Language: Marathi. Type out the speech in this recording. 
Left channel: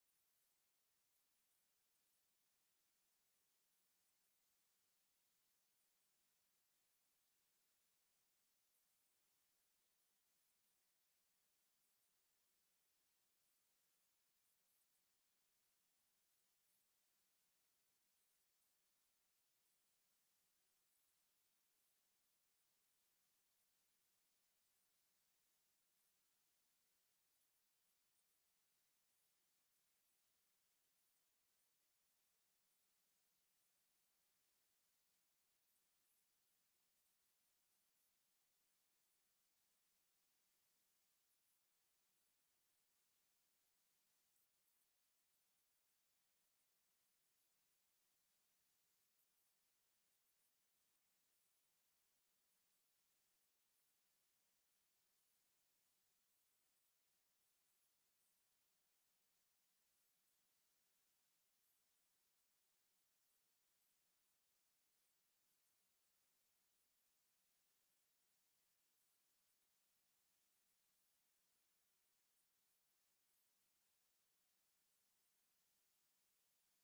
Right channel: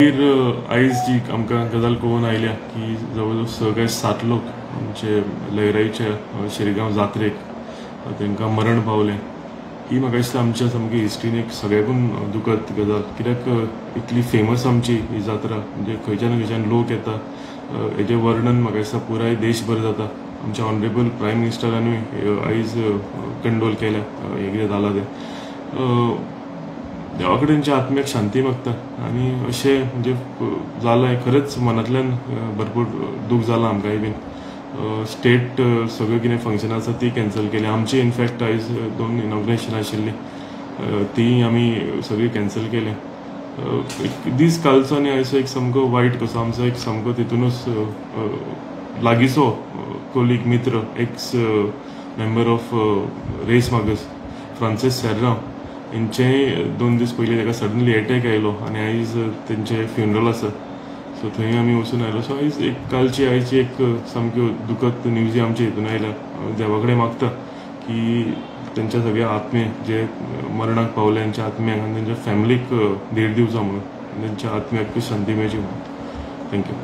आयज जी आमकां गजाल कळून आयल्या की जवळ सगळे 7 लोक आमचे लयराईच्या शिरगांव जात्रेक तांकां मरण पावलें। ही म्हाका दिसता आमच्या सामकी हिस्ट्रीन एक सगळ्याकून दुखद गजाल, कित्याक इतली फेमस आमची ही जात्रा, म्हणजे खंयच्यान खंयच्यान लोक येता। हेजें वर्णन म्हाका दिसता पुराय देशभर जाता। आमच्या ऑनरेबल प्रायम मिनिस्टरानूय आयज कंडोल केल्या हें कितें जालां तें। देवा कडेनच्या आत्म्याक शांती मागता आनी अशें म्हणजे जालां खरेंच मनांतल्यान भरपूर दूख जालां आमकांय बीन। स्टेट सगळें कितें फंक्शनां आसा ती कॅन्सल केली। आमची इनफॅक्ट आयज 2 इनॉग्रेशन आशिल्ली, ती आमी सगळी कॅन्सल केली। दीस कालचो आनी आयचो एक सामको वायट कसो आमचो एक सामको तितूनच लागींचो कोलीग मित्र एक्स मेंबर ऑफ रेस मागस फ्रांसीस सेर्रांव हेंचेय 2 दीस पयलीं ताका सडनली एटॅक आयलो आनी आयज तेंचें फ्युनरल आसा, सो थंय आमी वचून आयलो। सो आयज एक आयची एक सामक्यो दुखद न्यूजी आमच्या हितून आयल्या। देवा कडेन मागता की तेंच्या सगळ्या आत्मे जे मरणाक पावले तेंच्या आत्म्यांक आनी तेंच्या फॅमिलीक धीर दिवचो म्हणून, तेंच्या आत्म्याक शांती मेळची म्हणून। थँक्यू।